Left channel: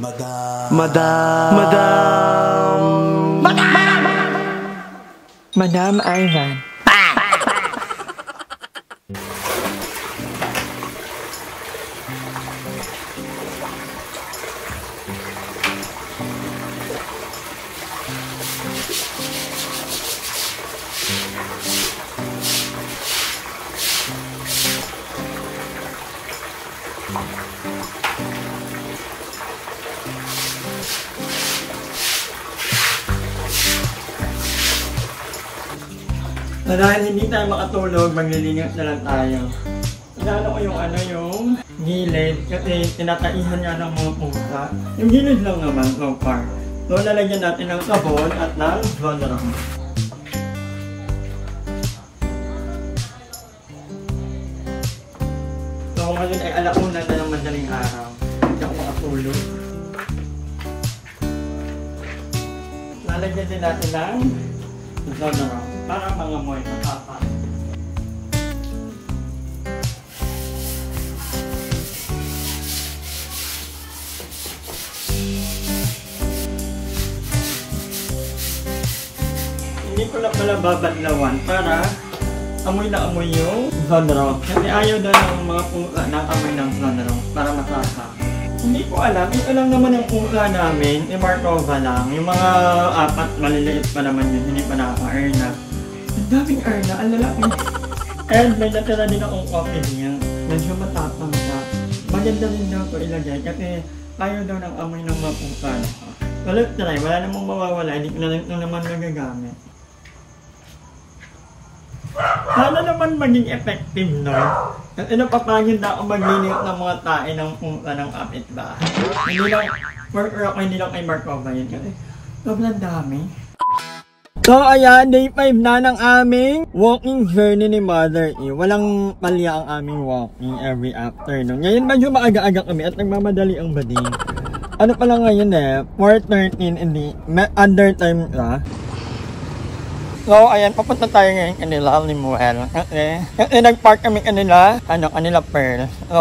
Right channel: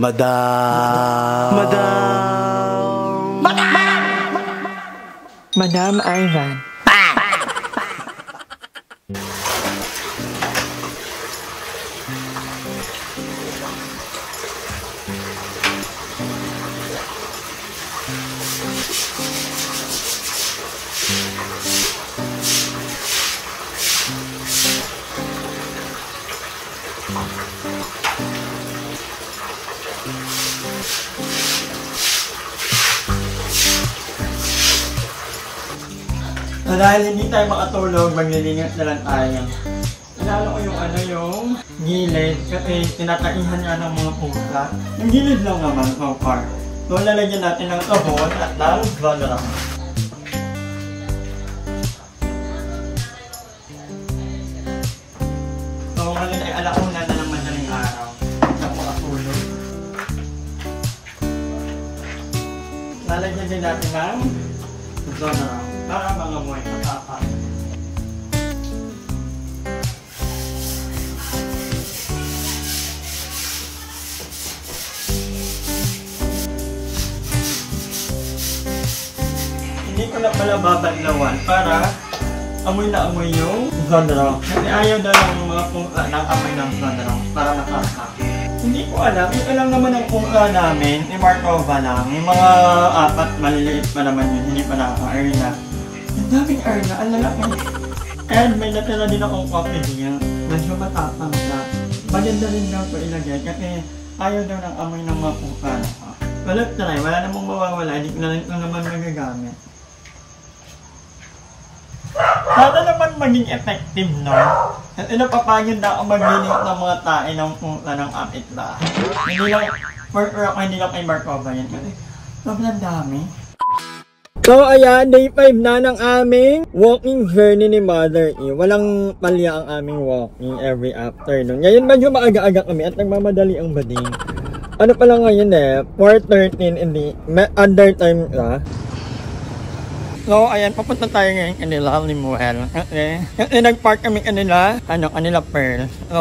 Madam. Madam Ivan. So dahil hindi tayo makatulog, maglilinis na lang tayo. Lalo ko yung gilid kasi tinataihan niya ng mga pusa. Yung gilid lang naman, so far. So lalagyan natin ng sabon at ng Vonron. So ngayon ay alauna na ng madaling araw. Hindi ako makatulog. Lalagyan din natin ng Vonron para mangamoy matapa. Hindi ko na pala babaglawan para amoy na amoy yung Vonron. Kasi ayaw daw ng mga pusa ng amoy ng Vonron para matapa. Hindi ko alam, ito lang naman ang pusa namin, Markova lang. Yung mga apat maliliit pa naman yun, hindi pa naka-Erna. Ang daming Erna, ang lalaki. And may natira din akong coffee niya. Medyo matapang siya. Maganda rin nga ito ilagay kasi ayaw daw ng amoy ng mga pusa. Wala namang mawawala, hindi ko na naman magagamit. Sana naman maging effective, no? Kasi napapagod na ako maglilinis ng mga tae ng pusa ng kapitbahay. Hindi lang kay Markova yan kasi sobrang dami. So ayan, day 5 na ng aming walking journey ni Mother E. Walang palya ang aming walking every afternoon. Ngayon medyo maaga-aga kami at nagmamadali ang bading. Ano pala ngayon 4:13 hindi, under time na. So ayan, papunta tayo ngayon kanila Limuel. Kasi nag-park kami kanila Pearl. So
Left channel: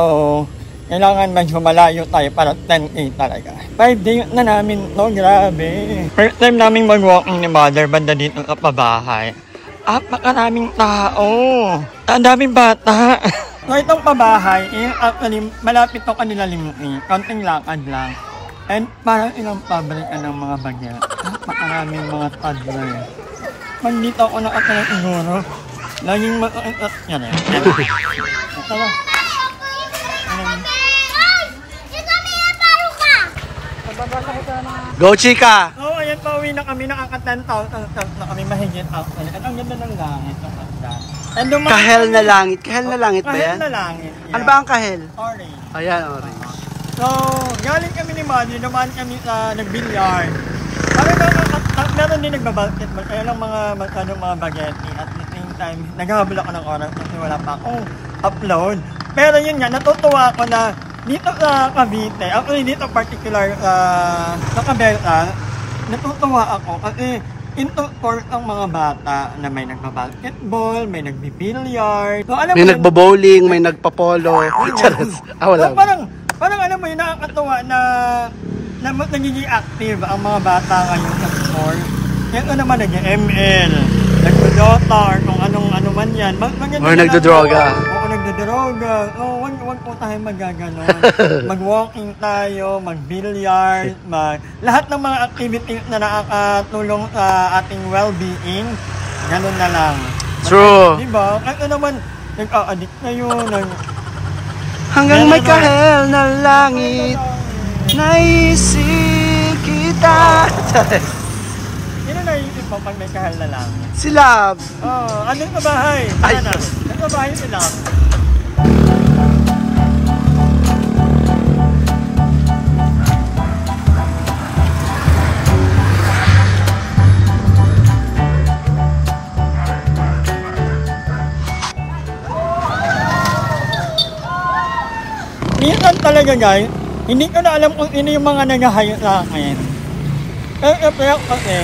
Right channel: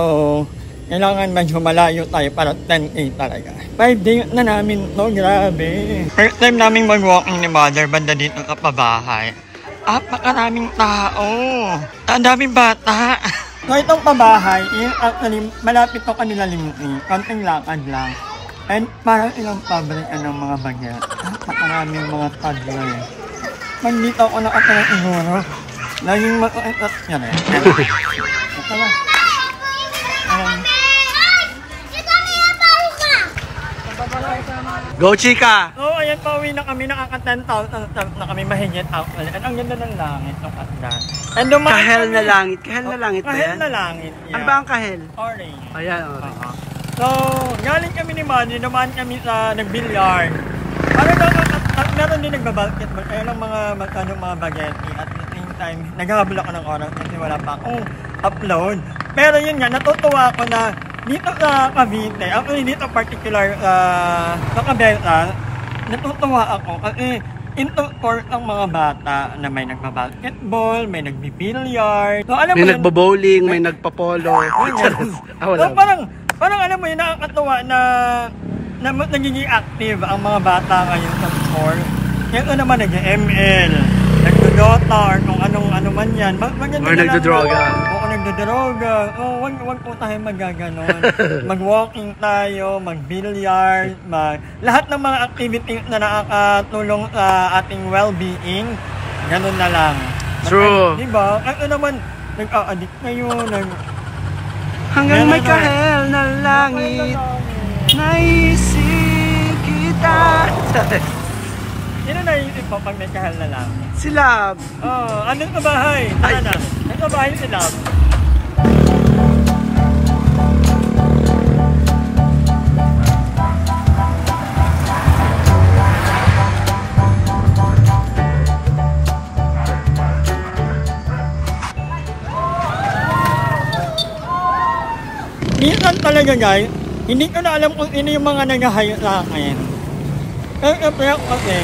kailangan medyo malayo tayo para 10K talaga. 5 days na namin to, grabe. First time naming mag-walking ni Mother banda dito sa pabahay. Makaraming tao. Ang daming bata. So itong pabahay, actually malapit to kanila Limuel. Konting lakad lang. And parang ilang pabrikan ng mga bagya. Makaraming mga toddler. Mandito ako nakatalang siguro. Laging makainat nga rin. Ito ba? Go, chika! Oo, ayan, pauwi na kami. Nakaka-10,000 steps na kami mahigit actually. At ang ganda ng langit. Kahel na langit. Kahel na langit ba yan? Kahel na langit. Yeah. Ano ba ang kahel? Orange. Ayan, orange. So, galing kami ni Mother. Naman kami sa nag-billiard. Parang meron din nagbabasketball. Kaya lang mga bageti. At the same time, naghahabol ako ng oras kasi wala pa akong upload. Pero yun nga, natutuwa ako na dito sa Cavite, actually dito particular sa Cabeza, natutuwa ako kasi into sport ang mga bata na may nagbabasketball, may nagbibilyard. So, alam may mo nagbabowling, may nagpapolo. So, parang alam mo yun, nakakatuwa na nagiging active ang mga bata ngayon sa sport. Ito naman nag-ML, nagdodota, or kung ano man yan. Or nagdodroga. Oo, nagdodroga. Oo, wag po tayo magaganon. Mag-walking tayo, mag-billiard, lahat ng mga activities na nakakatulong sa ating well-being, ganun na lang. True. Diba? Ito naman, nag-a-addict ngayon. Hanggang may kahel na langit. Naisip kita. Sino naisip mo pag may kahal na lang? Si Love. Oo, anong kabahay? Ay, anong kabahay si Love? Minsan talaga guys, hindi ko na alam kung sino yung mga nag-hi sa akin. Pero kasi,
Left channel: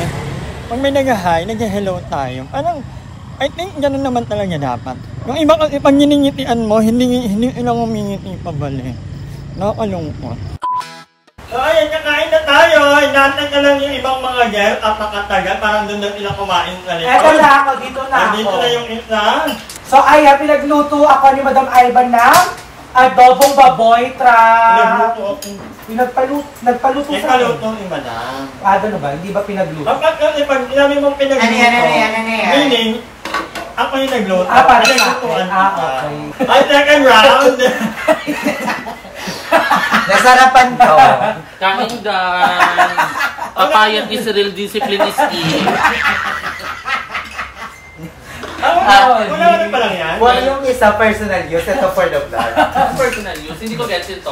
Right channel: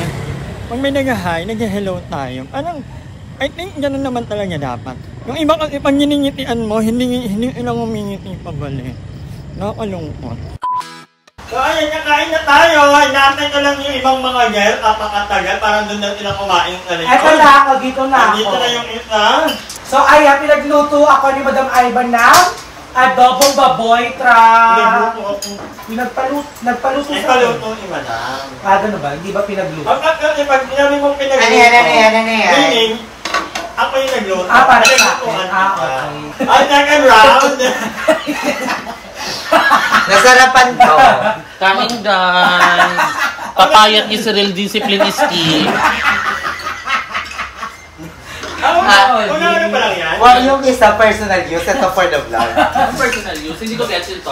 pag may nag-hi, nag-hello tayo. Parang, I think gano'n naman talaga dapat. Yung iba kasi pag niningitian mo, hindi ilang umingiti pa bali. Nakakalungkot. So ayun, kakain na tayo. Hinantay ka lang yung ibang mga guests at makatagal para doon na sila kumain sa likod. Eto na ako, dito na ako. Dito na yung isa. So ayan, pinagluto ako ni Madam Ivan ng adobong baboy Nagpaluto sa Nagpaluto ni Madam. Ano ba? Hindi ba pinagluto? Bakit kasi pag sinabi mong pinagluto, meaning, ako yung nagluto. Para sa Naglutuan akin. kita. Okay. Ay, second round. Nasarapan ko. Kain guys. Papayat yung Cyril discipline is key. Wala na pa lang yan. Well, yung isa personal use, ito for the vlog. Personal use, hindi ko gets ito.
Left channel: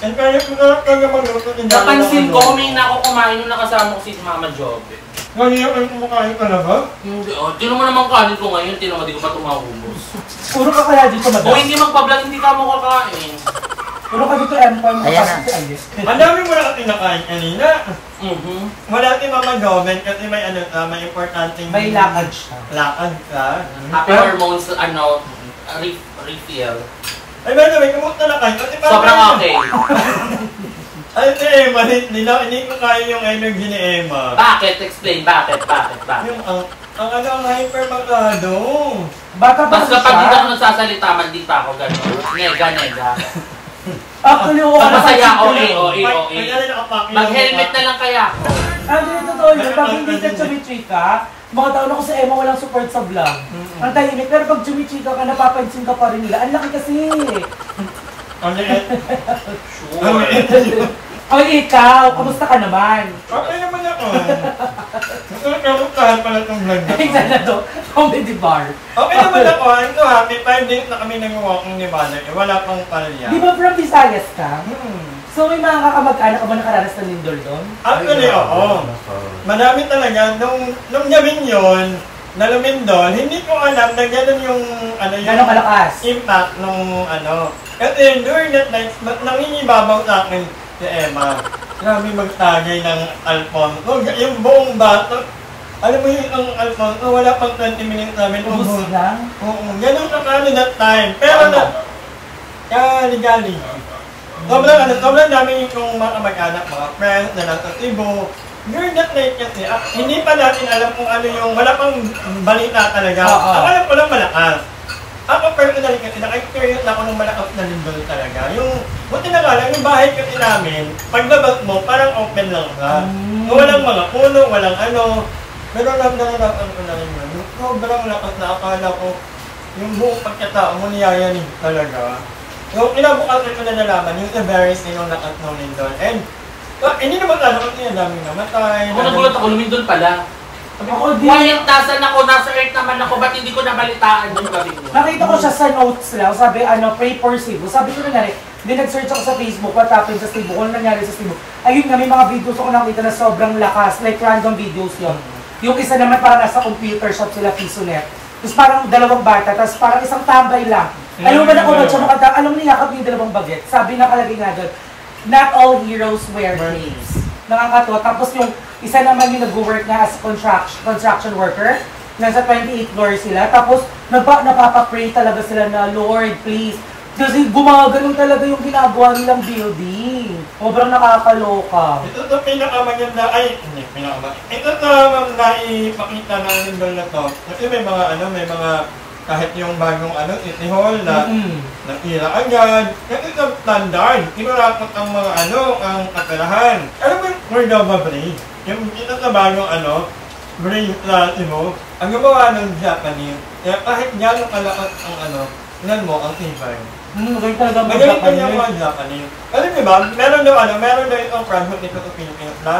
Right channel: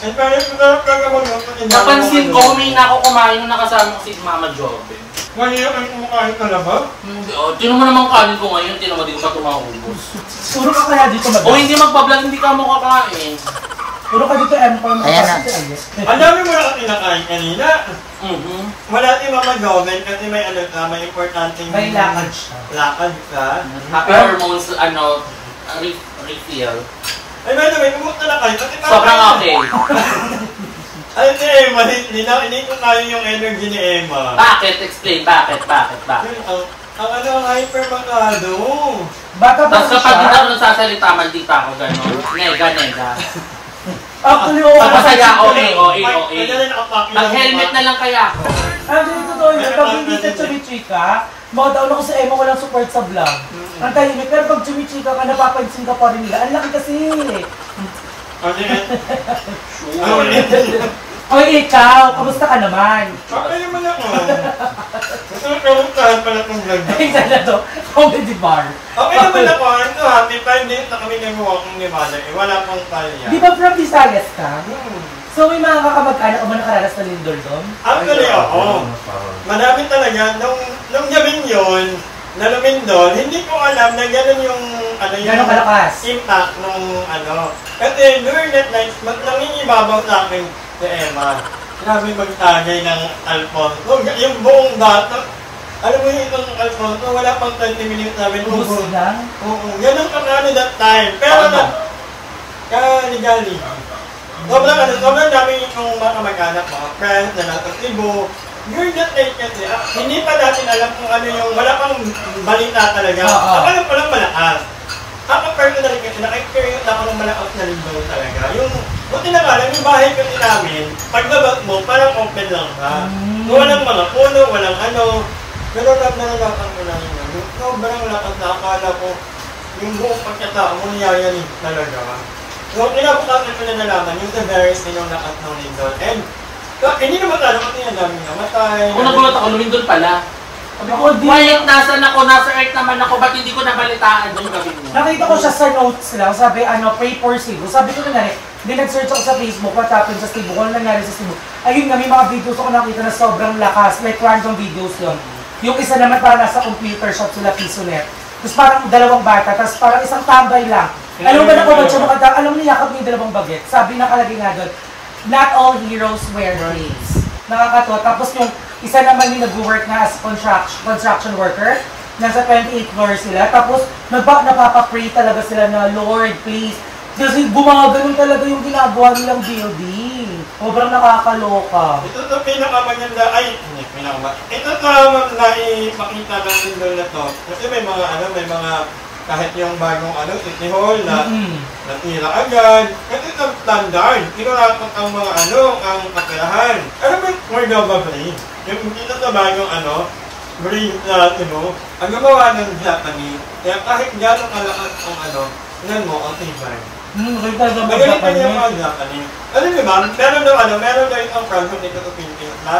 And pero siguro pag ako luto, Napansin ko, may kumain nung nakasama ko si Mama Jobe. Ngayon yung kumakain ka na ba? Hindi, tino mo naman kanin ko ngayon, tino mo di ko pa tumahubos. Puro ka kaya dito, Madam. O hindi magpa-vlog, hindi ka mo kakain. Puro ka dito, Empire. Ayan na. Madami mo na kinakain kanina. Wala si Mama Joven kasi may ano ka, may importanteng... May lakad siya. Lakad ka. Happy hormones, refill. Ay, by the way, kumusta na kayo? Kasi parang... Sobrang okay. Ay, si Emma, hindi ko kaya yung energy ni Emma. Bakit? Explain, bakit? Yun, ang ano, hypermagado. Bata pa Basta pag hindi ako nagsasalita, maldita ako gano'n. Nega. Actually, oo. Masaya, okay. Mag-helmet na lang kaya. Ang totoo yun, pag hindi ka chumichika, mga taon ako sa Emma, walang support sa vlog. Ang tahimik, pero pag chumichika ka, napapansin ka pa rin nila. Ang laki kasi. Ano yun? Sure. Oy, ikaw, kumusta ka naman? Okay naman ako. Masarap pala itong vlog na. Ay, na to, comedy bar. Okay naman ako. Ito ha, may 5 days na kami nag-walking ni Mother. Wala pang palya. Di ba from Visayas ka? So, may mga kakamag-anak o mga nakararas na lindol doon? Actually, oo. Madami talaga. Nung gawin yun, na lumindol, hindi ko alam na gano'n yung, Gano'ng kalakas? impact nung ano. Kasi during that night, nangingibabaw sa akin si Emma. Grabe magtagay ng Alfonso. Yung buong bato, alam mo yung itong Alfonso, wala pang 20 minutes namin. Ubus lang? Oo, ganun ka paano that time. Pero ligali. Sobrang dami yung mga kamag-anak, mga friends na nasa Cebu. During that night kasi, hindi pa natin alam kung ano yung, wala pang balita talaga. Ako alam ko lang malakas. Ako personally kasi naka-experience ako ng malakas na lindol talaga. Yung, buti na nga lang, yung bahay kasi namin, paglabas mo, parang open lang ka. Walang mga puno, walang ano. Pero nagdalakan ko lang yun. Sobrang lakas na akala ko, yung buong pagkatao mo niyayanig talaga. So, kinabukasan ko na nalaman yung severity ng lakas ng lindol. And, hindi naman ano kasi yung daming namatay. Ako nagulat ako, lumindol pala. Sabi ko, quiet, nasa Earth naman ako, ba't hindi ko nabalitaan yung gabi mo? Nakita ko siya sa notes lang, sabi pray for Cebu. Sabi ko na hindi nag-search ako sa Facebook, what happened sa Cebu, kung nangyari sa Cebu. Ayun nga, may mga videos ako nakita na sobrang lakas, like random videos lang. Yung isa naman parang nasa computer shop sila, Pisonet. Tapos parang dalawang bata, tapos parang isang tambay lang. Alam mo ba nakabag siya makita, alam mo niyakap niya yung dalawang baget. Sabi nakalagay nga doon, not all heroes wear capes. Nakakato. Tapos yung isa naman yung nag-work na as construction worker. Nasa 28th floor sila. Tapos napapapray talaga sila na, Lord, please. Kasi gumagano'n talaga yung ginagawa nilang building. Sobrang nakakaloka. Ito sa pinakamaganda, hindi pinakamaganda. Ito sa naipakita na lindol na to. Kasi may mga kahit yung bagong City Hall na natira agad. Kasi sa standard, kinurakot ang mga ang kaperahan. Alam mo yung Cordova Bridge? Yung ito sa bagong bridge na Cebu, ang gawa ng Japanese. Kaya kahit gano'ng kalakas ang ilan mo ang tibay. Magaling pa yung mga Japanese. Alam niyo ba, meron daw itong project dito sa Pilipinas ba?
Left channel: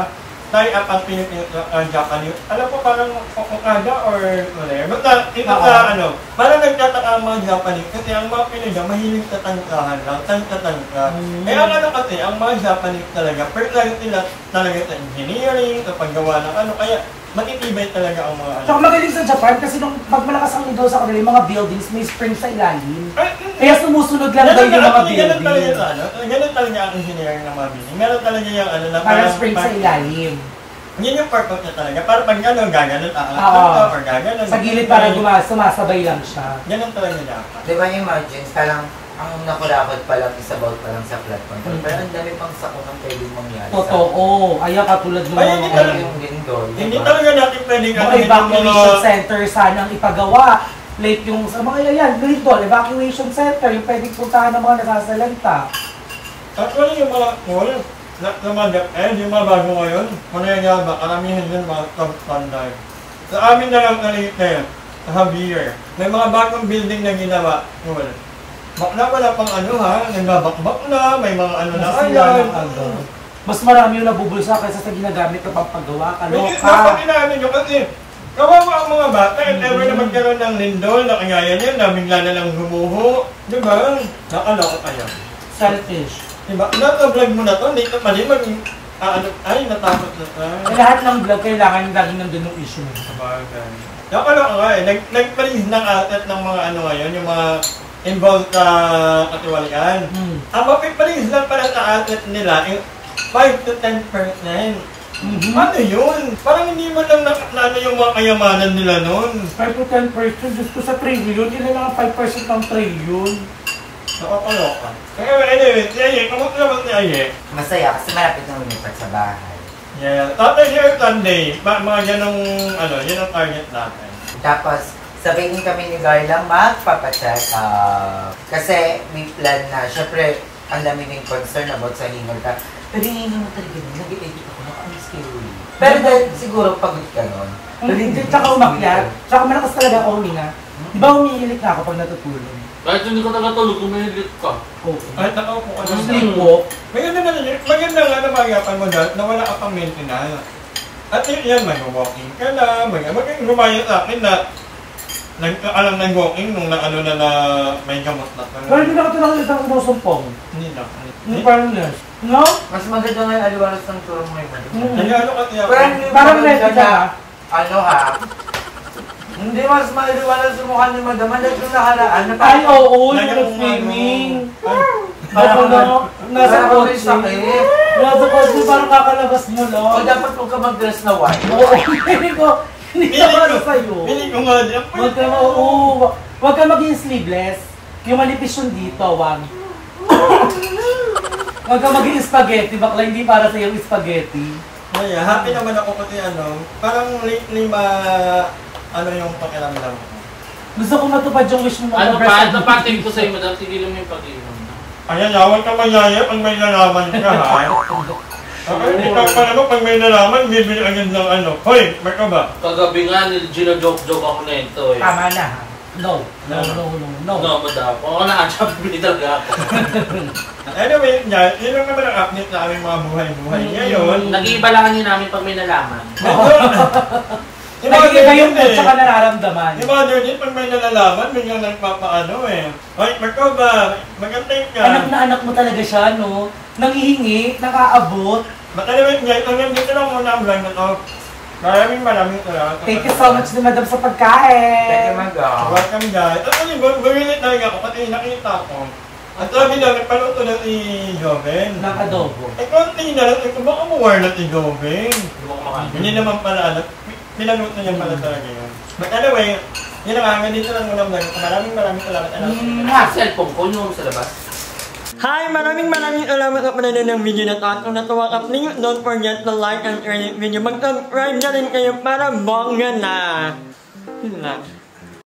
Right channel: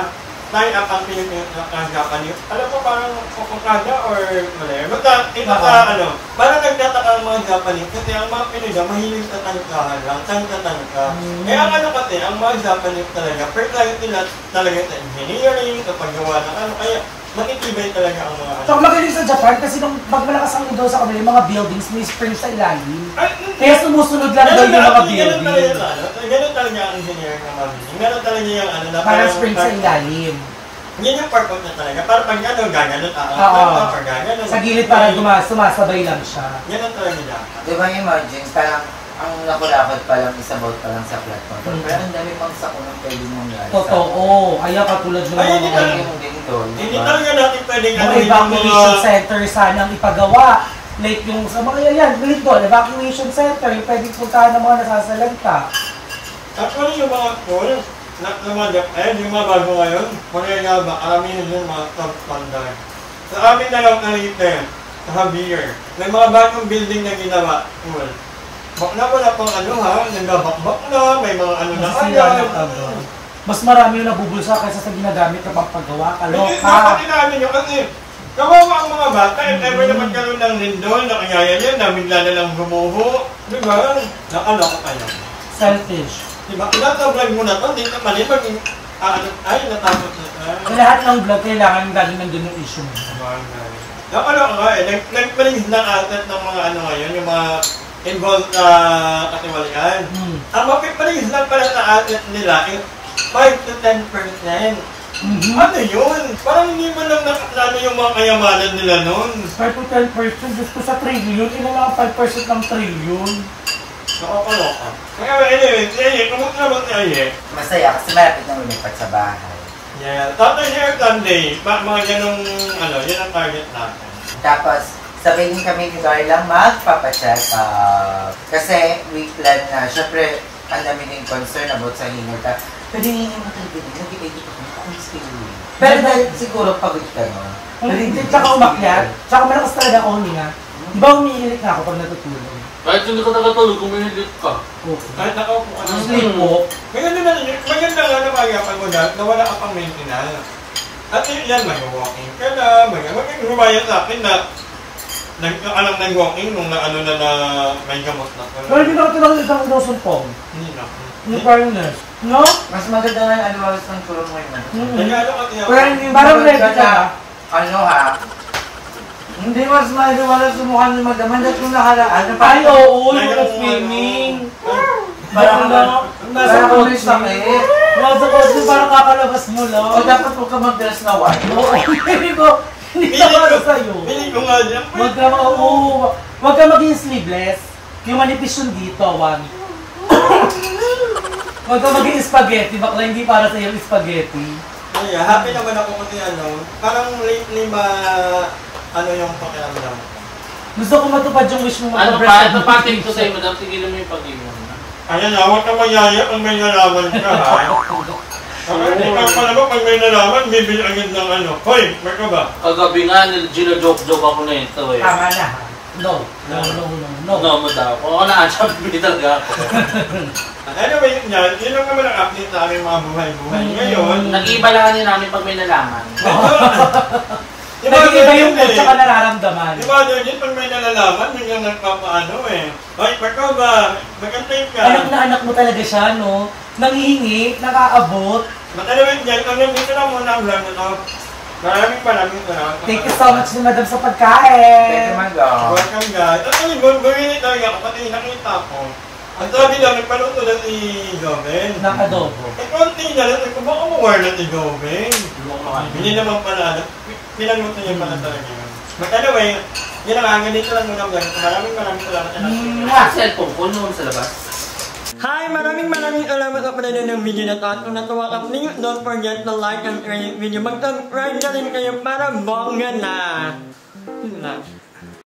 Tie up ang Pilipinas Japanese. Alam ko parang Okada or whatever. Basta ito sa parang nagtataka ang mga Japanese kasi ang mga Pinoy mahilig sa tangkahan lang, tangka. Eh ang kasi, ang mga Japanese talaga, personality nila talaga sa engineering, sa paggawa ng kaya matitibay talaga ang mga So magaling sa Japan kasi nung magmalakas ang undo sa kanila, yung mga buildings may spring sa ilalim. Kaya sumusunod lang daw yung mga building. Ganun talaga ang engineering ng mga building. Meron talaga yung na parang spring sa ilalim. Yan yung part of niya talaga. Para pag gaganon, pag gaganon. Sa gilid parang sumasabay lang siya. Ganun talaga niya. Di ba yung margins, parang ang nakurakot pa lang, isabaw pa lang sa platform. Pero ang dami pang sako ng pwede mong lasa. Totoo. Ayaw katulad ng Ay, hindi talaga. Yung din doon. Hindi talaga natin pwedeng mga evacuation center sanang ipagawa. Like yung sa mga yan, doon, evacuation center, yung pwedeng puntahan ng mga nasasalanta. Actually, yung mga pool, na mga Japan, yung mga bago ngayon, mga ba, karamihan yung mga top standard. Sa amin na lang kalite, sa Javier, may mga bagong building na ginawa, pool. Bakla wala pang ano ha, nabakbak na, may mga ano na. Mas marami yung nabubulsa kaysa sa ginagamit na pagpagawa. Dapat Kaloka. inaano nyo kasi, kawawa ang mga bata, if ever na magkaroon ng lindol, na kanyaya niya, na bigla na lang humuho, di ba? Nakaloko kayo. Selfish. Diba? Nasa vlog mo na to, dito pa rin ay, natakot na tayo. Sa lahat ng vlog, kailangan galing nandun yung issue mo. Nakaloko nga eh, nagpalis ng atat ng mga ano ngayon, yung mga involved sa katiwalian. Ang papipalis lang pala sa atat nila, 5 to 10%. Ano yun? Parang hindi mo lang nakakilala yung mga kayamanan nila nun. 5 to 10%, gusto sa trillion, ilan lang 5% ng trillion. Nakakaloka. Kaya anyway, si Aye, kamusta naman si Aye? Masaya kasi malapit na lumipat sa bahay. Yeah, Tatay Hair Sunday, mga ganong, yun ang target natin. Tapos, sabihin kami ni Darla magpapacheck up. Kasi may plan na, syempre, ang dami ng concern about sa hingal ka. Pero hindi naman talaga na, nabigay dito ko, nakaalis kayo. Pero dahil siguro pagod ka nun. Hindi, tsaka umakyat. Tsaka malakas talaga ako nga. Di ba umiilik na ako pag natutulog? Kahit hindi ka tagatulog, kumihilit ka. Kahit nakaupo ka ng Sleepwalk. Maganda lang magapan mo na wala ka pang maintenance. At yan, mag-walking ka na, maging sa akin na nagkaalam ng walking nung na may gamot na ka. Pero hindi na ako talaga itang dosumpong. Hindi na. Hindi parang nurse. No? Mas maganda nga yung aliwalas ng tulong mo yung Kaya ano ka tiyak? Parang medical. Ano ha? Hindi mas maliwalas sumukha ng magdaman dahil yung nakaraan. Ay, oo, yung swimming. Parang nasa kotse. Nasa kotse, parang kakalabas mo lang. O dapat huwag ka mag-dress na white. Hindi ko ano sa'yo. Piling ko nga dyan. Huwag ka maging sleeveless. Yung manipis yung dito, Juan. Huwag ka maging spaghetti, bakla hindi para sa'yo yung spaghetti. Kaya, happy naman ako kasi parang lately yung pakiramdam ko. Gusto ko matupad yung wish mo Ano mag-breast. pa? Tapating ko sa'yo, madam, tigilin mo yung pag-iwan. Ayan, huwag ka mayaya pag may nalaman ka, ha? Ikaw pa pag may nalaman, bibili agad ng Hoy, may ka ba? Kagabi nga, gina-joke-joke ako na ito eh. Tama na. No, No, madam. Kung ako na siya, bibili talaga ako. Anyway, yun lang naman ang update na aming mga buhay-buhay. Ngayon, Nag-iiba lang kanina namin pag may nalaman. Nag-iiba yung mood tsaka nararamdaman. Diba doon yun, pag may nalalaman, biglang nagpapaano eh. Hoy, Marco ba? Magantay ka. Anak na anak mo talaga siya, no? Nangihingi, nakaabot. But anyway, guys, hanggang dito lang muna ang vlog na to. Maraming salamat. Thank you so much ni Madam sa pagkain. Thank you, Madam. Welcome guys. At bumili talaga ako, pati nakita ko. Ang sabi na, nagpanood ko na si Joven. Nakadobo. Konti na lang, baka mawar na si Joven. Hindi naman pala, pinaluto niya pala talaga yun. But anyway, yun ang hanggang dito lang muna vlog. Maraming salamat. Cellphone ko, yun sa labas. Hi! Maraming salamat sa panonood ng video na ito. At kung natuwa ka, please don't forget to like and share this video. Mag-subscribe na rin kayo para bongga na. Yun lang.